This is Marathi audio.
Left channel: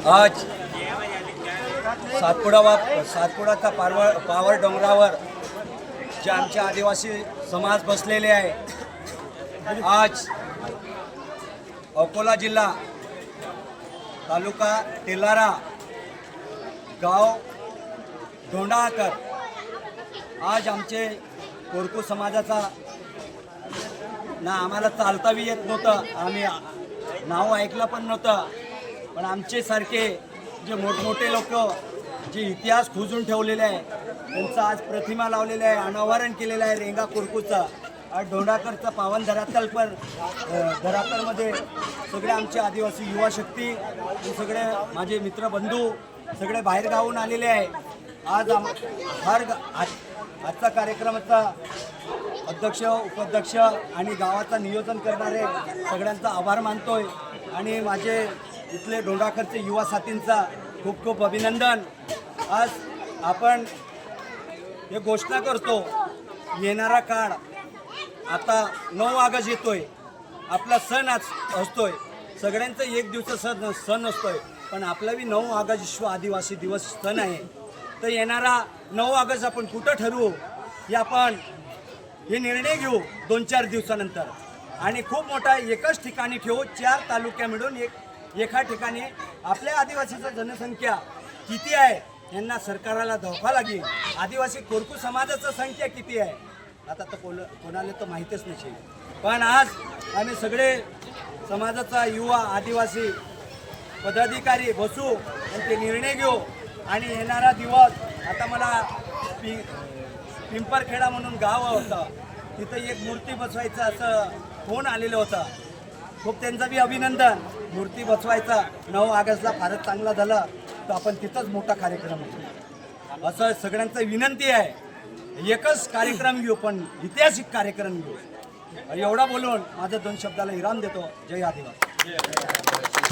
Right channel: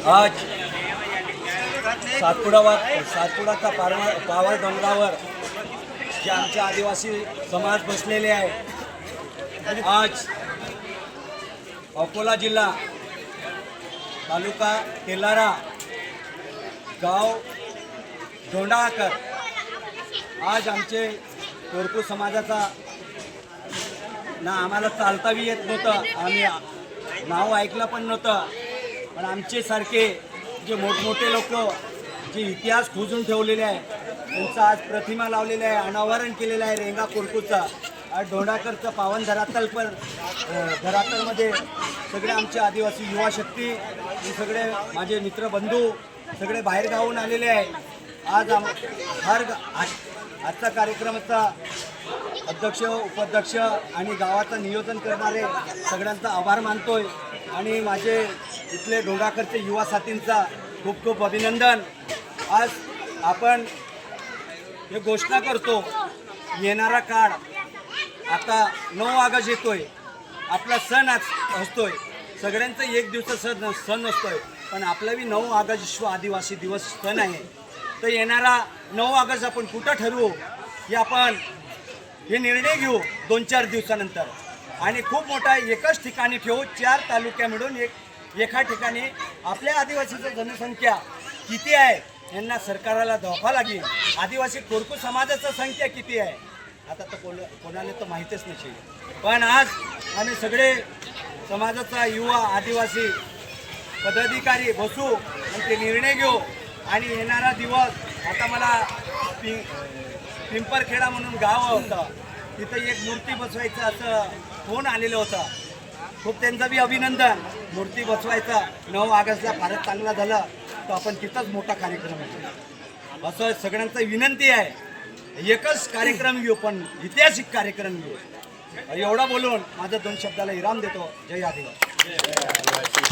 आज सातपुडाचा पावर डोंगरावर जे आमचे आदिवासी समाज बसलेले आहे। आज अकोला जिल्हा तालुका तेलारा गाव धोंडाकर आज आमचे कोरकू समाजाचा ना आम्हाला चालताही येत नव्हतं, आम्ही नाव ऐकलं पण नव्हतं, पण आमचे सारखे जे मोठमोठे लोक जे इतिहास खोजून ठेवलेले आहे त्यांचा आज प्रतिमा लावलेला आहे, अनावरण केलेलं आहे रेंगा कोरकूचा। आज धोंडाकरचं पावन धरातलमध्ये सगळे आमचे आदिवासी युवा शक्ती हे सगळे माझे मित्र बंधू सगळे बाहेर गावून आलेले आहे। आज आजचा कार्यक्रमाचा अध्यक्ष उपाध्यक्ष आणि गावाचं नियोजन करणारे सगळ्यांचा आभार मानतोय आणि माझे इथले धोंडाकरचे युवा साथींचा खूप खूप अभिनंदन। आज आपण हे घोषणा करतो, येणारा काळ आता 9 ऑगस्ट येतोय, आपला सण आज असतोय, सगळ्यांचा एक दिवस सण असतोय, पण आपलाही 9 ऑगस्ट विश्व आदिवासी दिवस सण आहे। तर येणारा 9 ऑगस्ट आपण कुठं ठरवू हे निर्णय घेऊ 2-4 दिवसानंतर आणि खूप मोठा एकच ठिकाणी ठेवू। 4 तालुक्या मिळून एका ठिकाणी आपल्या आदिवासीची जनसंख्या किती आहे यांना सरकारला दाखवा लागेल। आदिवासी कोरकू समाजाची संख्या किती आहे आता तर कोणाला तर माहीतच नसेल, पण आज आम्ही सगळे समाजाचा युवा आदिवासी पदाधिकारी बसू आणि ते निर्णय घेऊ आणि येणारा दिवस आता मला पिंपरखेडा म्हणून गाव होतं, तिथं एक मूर्ती बसवायचं असं फोन आलेलं होतं। खूप त्यांचं बी अभिनंदन। मूर्ती बसवायचा 9 ऑगस्टला फारच चांगला झाला तर आपण तिथंच मोठा कार्यक्रम होतो असं सगळ्यांचं विनंती आहे। एकच कार्यक्रम घेऊ पण ऐतिहासिक कार्यक्रम घेऊ। एवढा बोलून माझ्या 2 शब्दाला विराम देतो। जय आदिवासी।